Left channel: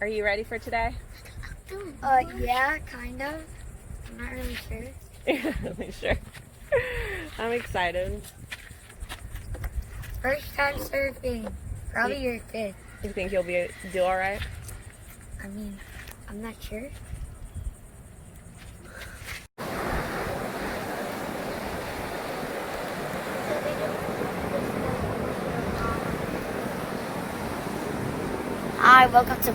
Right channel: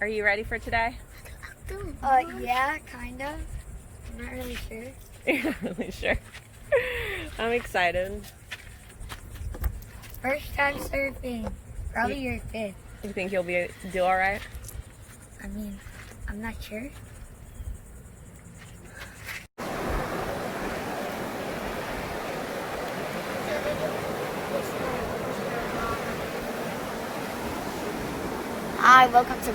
Are you ready for today? Yeah, kind of. I'm not really sure. You're not really sure. I'm excited. First time surfing. Probably your fifth. You think you'll do all right? I mean, I'm not sure. Hi, welcome to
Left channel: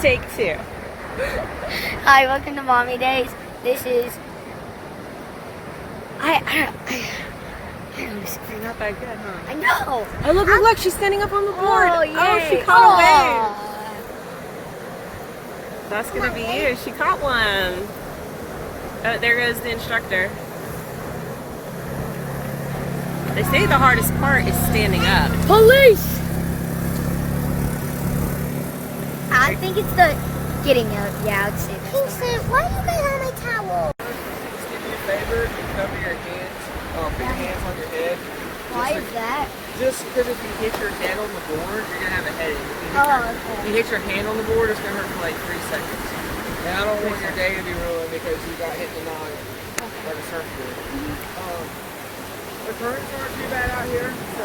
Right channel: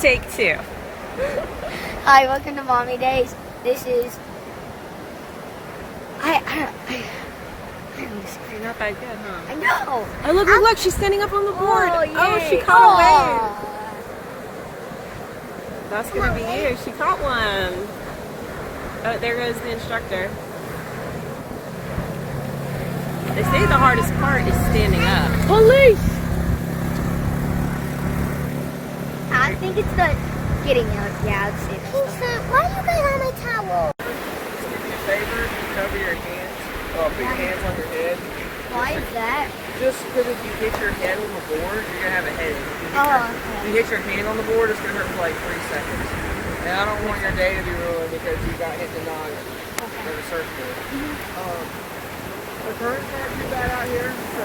Take two. Hi, welcome to Mommy Days. This is You're not that good, huh? I know. Oh, look, she's standing up on the board. Oh, she caught a wave. That's gonna be you. She caught one. Oh, there goes the instructor. They say the hardest part is standing up. Police! I think it's the getting out. Yeah, I'd say that. Kingston, why are you guys on my towel? Just do me a favor, cover your hands, put your hands on your head. Why is that? Just because if you hit your head on the board, you're going to have a headache. If you hit your hand on the board, it's going to hurt for like 3 seconds. And I don't want your day to be ruined because you got hit in the nose on the surfboard. The currents aren't too bad out here, so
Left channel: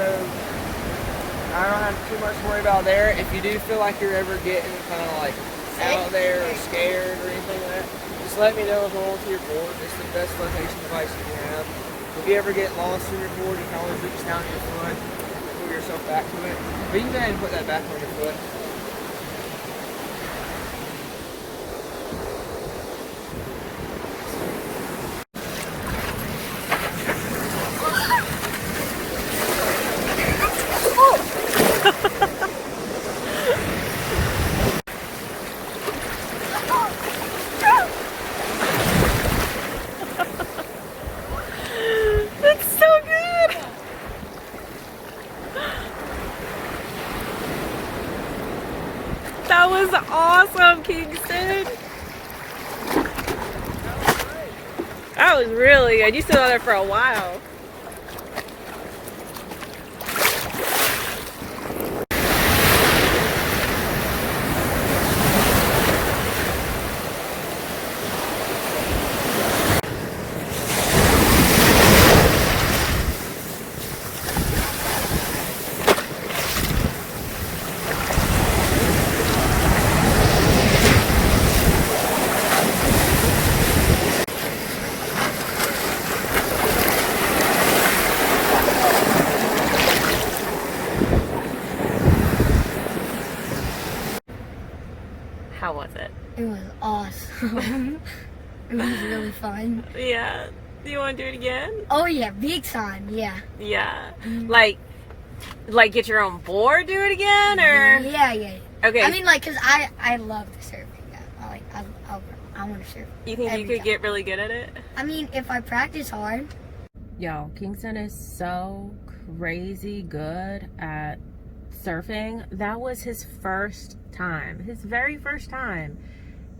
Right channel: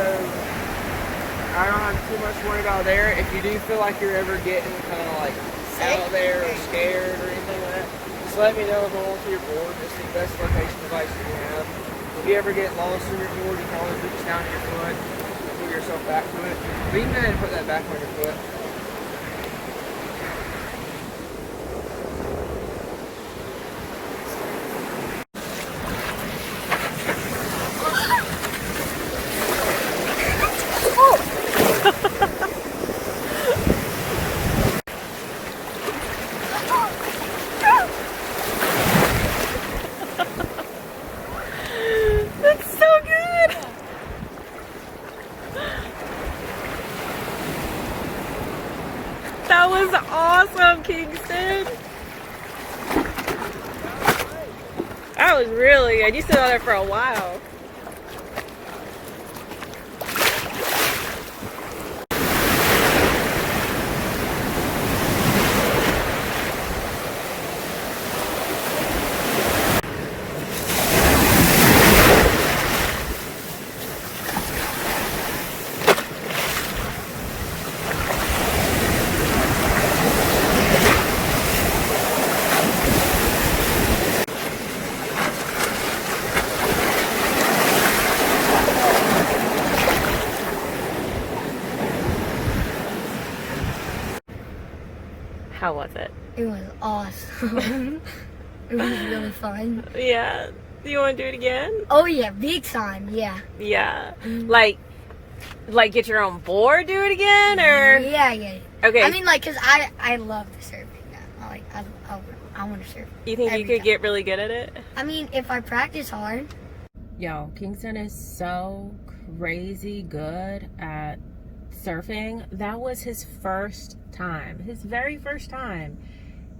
I don't have too much to worry about there. If you do feel like you're ever getting kind of like out there or scared or anything like that, just let me know and go onto your board. It's the best location device you can have. If you ever get lost on your board, you can always reach down to your foot and pull yourself back to it. But you can go ahead and put that back on your foot. That's so good. That was awesome, Kingston. That was really good. You stood on there for a while. How was it? It was awesome. It was really fun. Yeah. Do you want to do it again? Oh yeah, big time. Yeah. Yeah. Like get your own board, do it again, or? Yeah. Okay. I mean, like, cause I love the surfing. Yeah. I want to surf. You think you every could time. get really good at it? I mean, if I practice hard. Yo, Kingston is so crazy good at surfing. That was his first time, his very first time.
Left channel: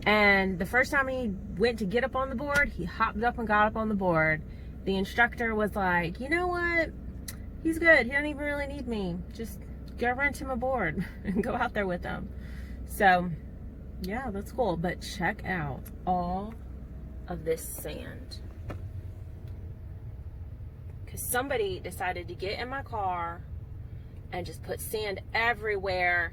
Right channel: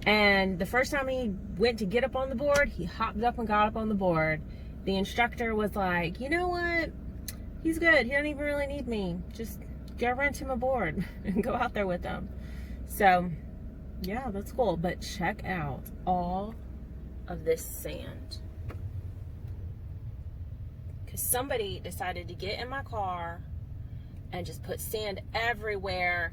And the first time he went to get up on the board, he hopped up and got up on the board. The instructor was like, you know what? He's good. He doesn't even really need me. Just go rent him a board and go out there with him. So, yeah, that's cool. But check out all of this sand. Because somebody decided to get in my car and just put sand everywhere.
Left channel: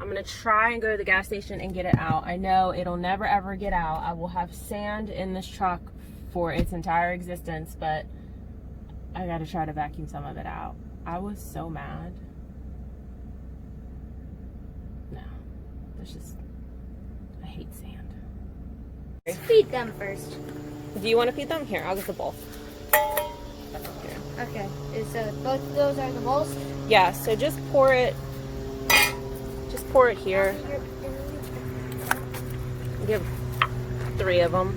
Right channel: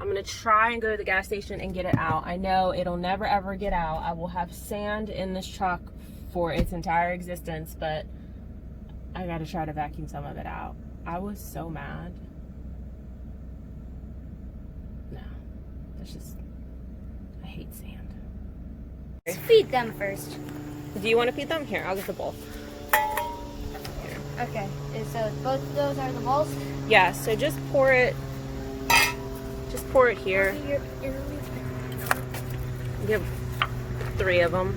I'm gonna try and go to the gas station and get it out. I know it'll never ever get out. I will have sand in this truck for its entire existence, but I gotta try to vacuum some of it out. I was so mad. No, that's just, I hate sand. Let's feed them first. Do you want to feed them? Here, I'll get the bowl. Here. Okay. So both of those are the bowls. Yeah, so just pour it here. Give 3 of them.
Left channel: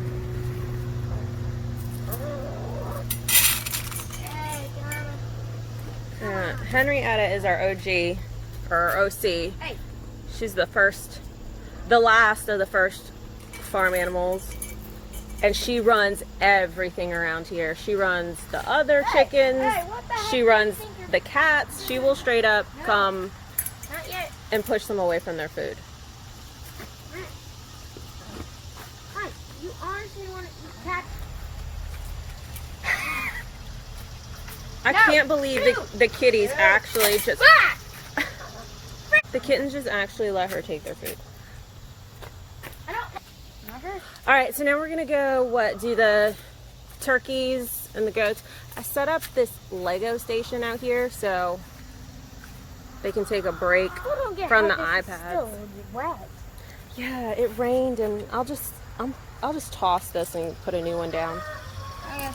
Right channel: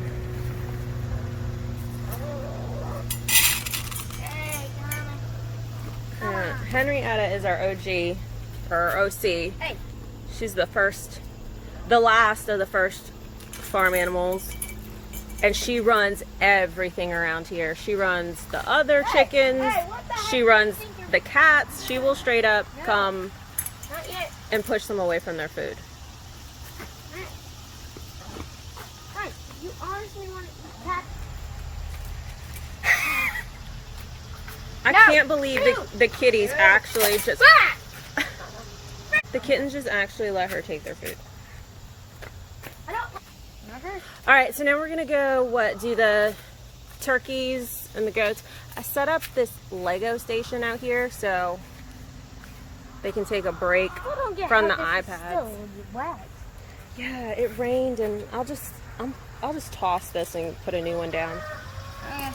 Henrietta is our OG, or OC. Hey. She's the last of the first farm animals. And she runs everything around here. She runs the other chickens. She runs the cats, she will straight up come Not yet. and push them away from their food. Hi, you honestly want to eat cat? I can't believe the kitties actually just... Cat! The kittens just actually let her take their food. I don't... All right, so now we're gonna go, do the turkeys and the goats. I set up this Lego station out here so they can take a break from the iPads. Yeah, it rained, and I'll just toss this and put a new one down. Okay.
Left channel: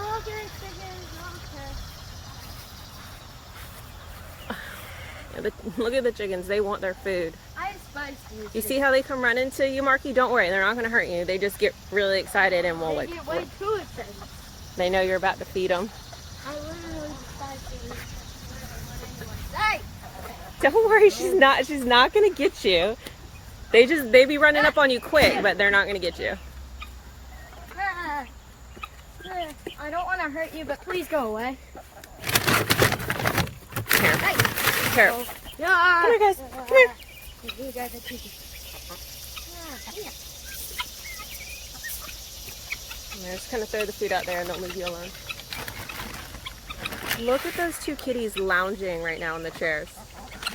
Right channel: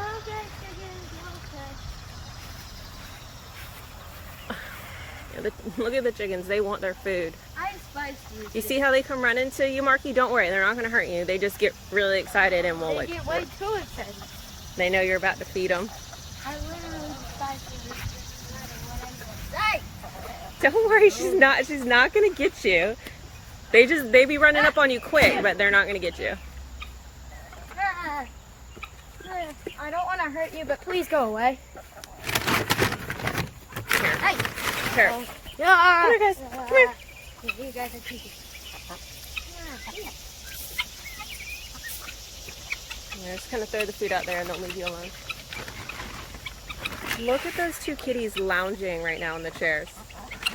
I'll get chickens. Okay. Yeah, look at the chickens. They want their food. I spice these. You see how they come running to you, Marky? Don't worry, they're not going to hurt you. They just get really excited and will They get way too excited. They know you're about to feed them. I literally spice these. Hey! Don't worry, she's not going to get you. They be running up on you quick, but they're not going to get you. I don't want to hurt you, but please go away. Here. Hey! Here. Come Come here, guys. Come here. You guys are cheeky. I'm just going to throw the food out there and they'll leave you alone. Look at those two kitties lounging right now in the chairs.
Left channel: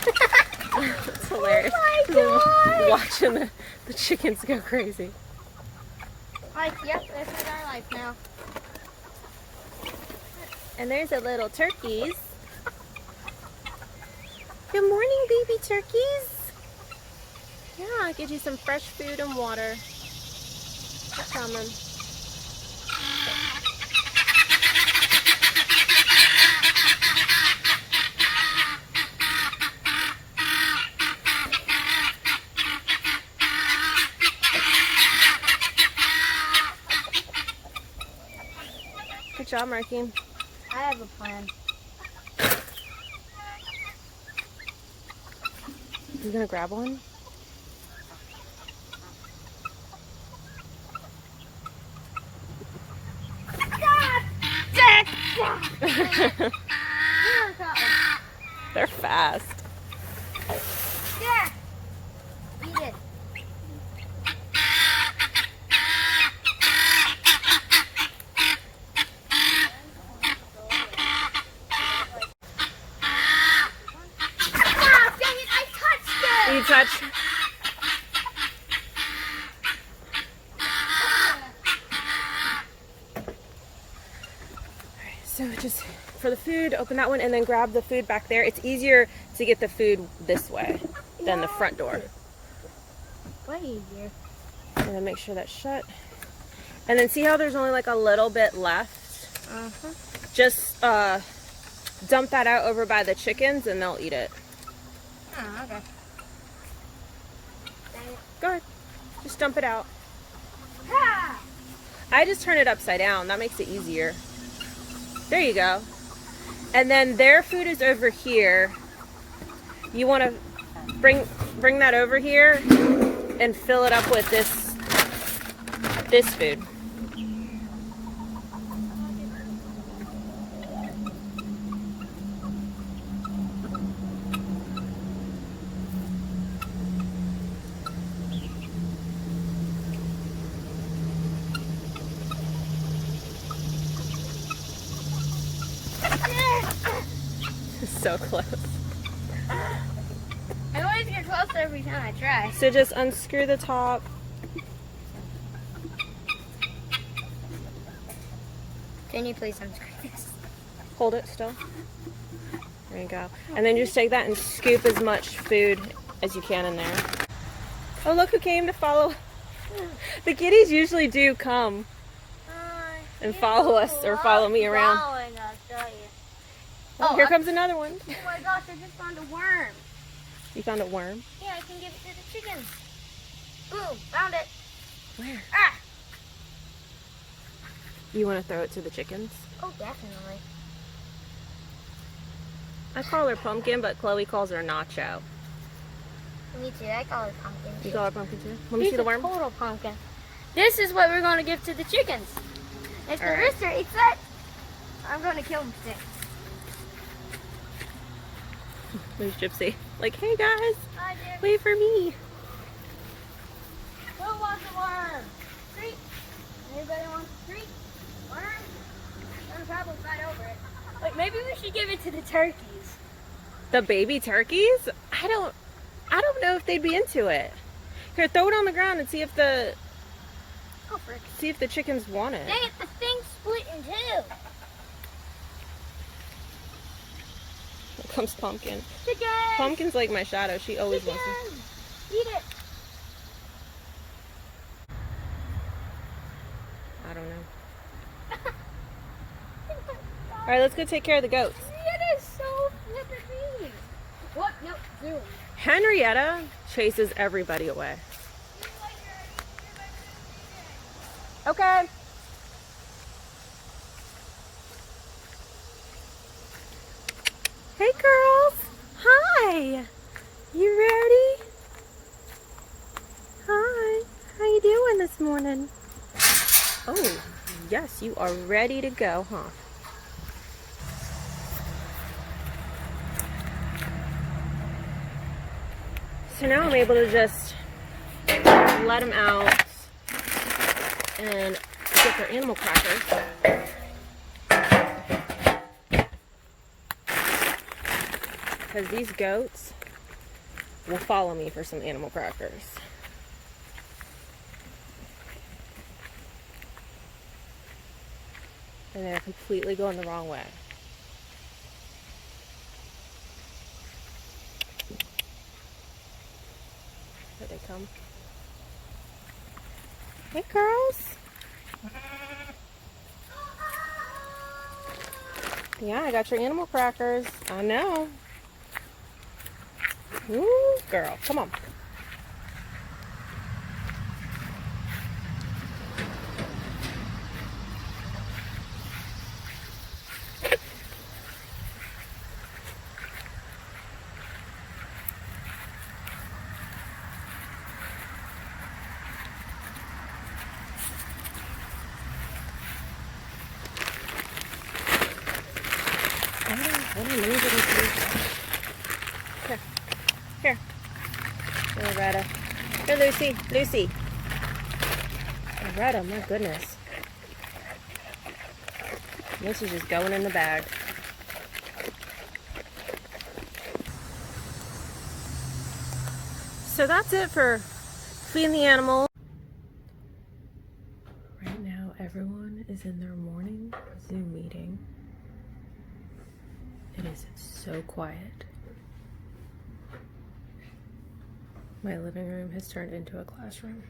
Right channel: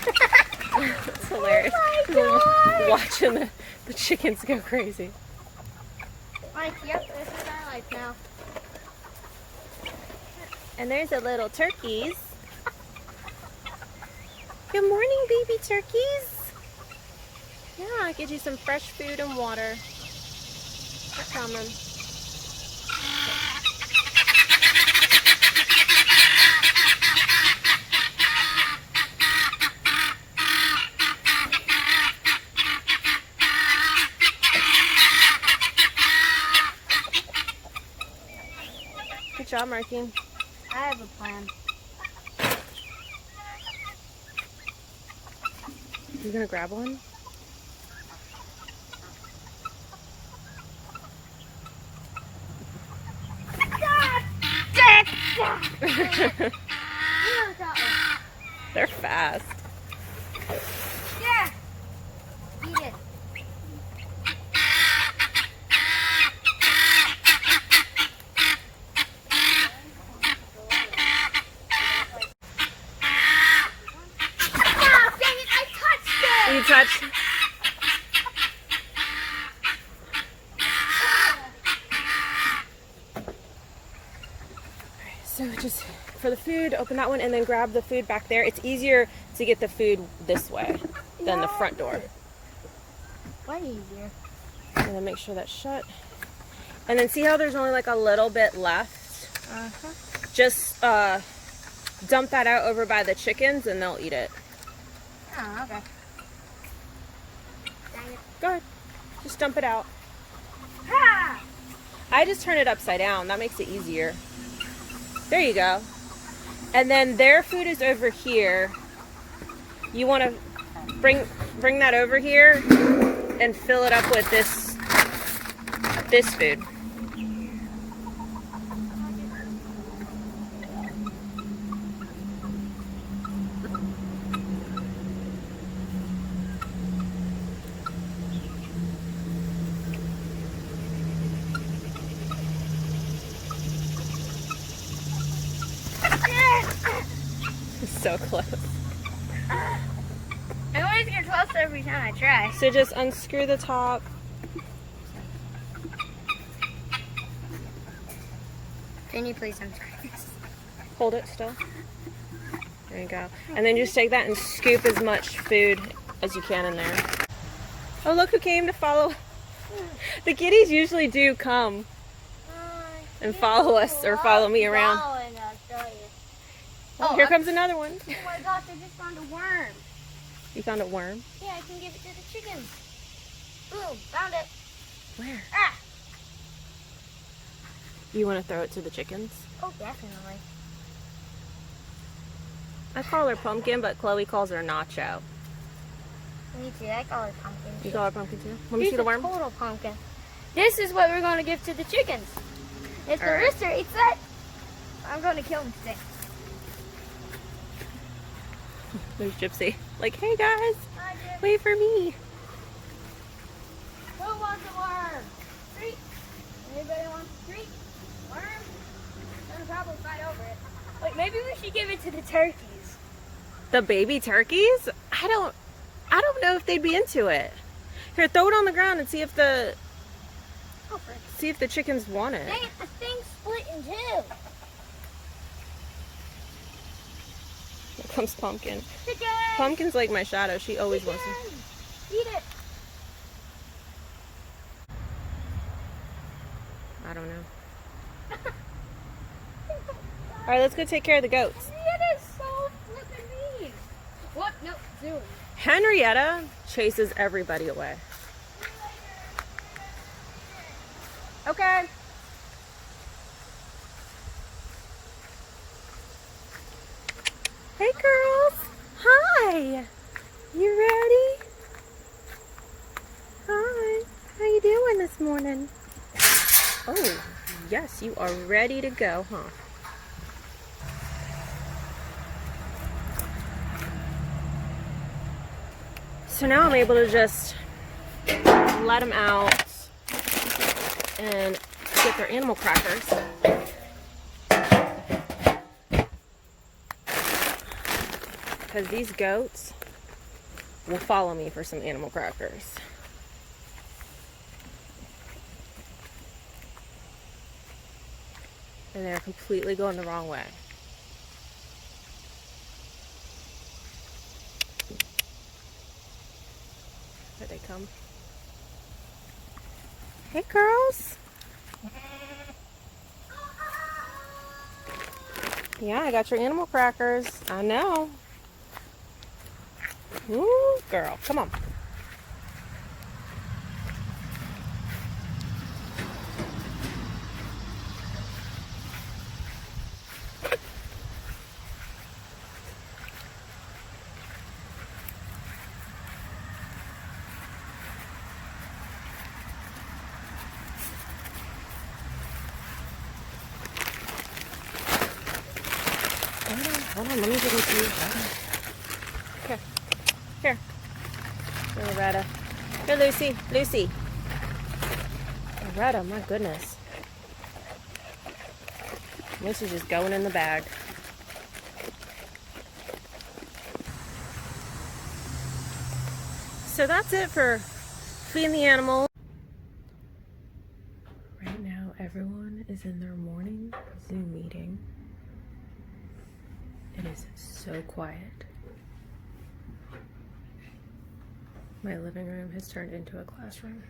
It's hilarious. Oh my God. Watching the chickens go crazy. Life, yep, this is our life now. And there's the little turkeys. Good morning, baby turkeys. Yeah, I'll get you some fresh food and water. They're coming. Good job, Marky. I have a plan. You gonna grab one? They're fast. Yeah. Eat it. Ah, dang it, I touched it! You touched. So just for the food, open that one and then grab the food back there. It's easier to get the food this way than the front door. What easier? And then make sure that's shut. And then see how there's only like a little bit left? Just dump that out over by the chickens and they'll eat it. Oh, okay. Dang it. Go ahead. Just dump it out. Ah! I just turn it upside down. That makes it easier. There you go. And then their food is over here. You want to bring that over here and fill it up with this food. So close. I always get closer every time I try. So just unscrew the top. Can you please unscrew this? Hold it still. There you go. And then just take that and scoop as much food as you can in there. Oh, look who came to follow. The kitties usually do come and follow us or follow me around. Oh, here comes another one. Oh my gosh, I just found a worm. You found a worm? Yeah, I can give it to the chickens. Ooh, found it. Where? Ah! You want to throw it to the chickens? Oh, definitely. I call her Pumpkin, but Chloe calls her Nacho. Me too, I call her pumpkin. You call her Pumpkin too? Let me see the worm. Total pumpkin. This is what we're going to give to the chickens. If the All right. rooster eats it, I'm going to kill him today. There's Gypsy. Like, hey guys, wait for me. Who wants a worm? Treat. Anybody wants a treat? Worm? I'm gonna probably fight over it. Wait, maybe we should give it to the turkeys. The baby turkeys? I don't know if they'd be into it. Here, throw it on the ground and see if the Go for it. see if the chickens want it. Dang it, the thing's split in two. Here comes Pumpkin. Chicken! Pumpkin's like my shadow. She always wants to. Chicken! Eat it! I don't know. All right, let's go take care of the goats. It is so flippin' mean. What? No, zoom. Henrietta chases everybody away. Okay. Hey girls. Hi. You ready? Hi. How you doing this morning? Oh, yes, you are ready to go, huh? So now I'm able to just let them out and get their animal crackers. Because these goats will follow me for some animal crackers. And they're completely going the wrong way. Here they come. Hey girls. Yeah, I got your animal crackers. I know. Ooh, girl, come on. Hold on, let me get into you. Here. Here. Here, Loretta. Here, Lucy. Lucy. Loretta, my goodness. This is just going in the bag. So that's it for feeding the animal. Right now, everyone is in their morning Zoom meeting. It is so quiet. My living room has turned into a classroom.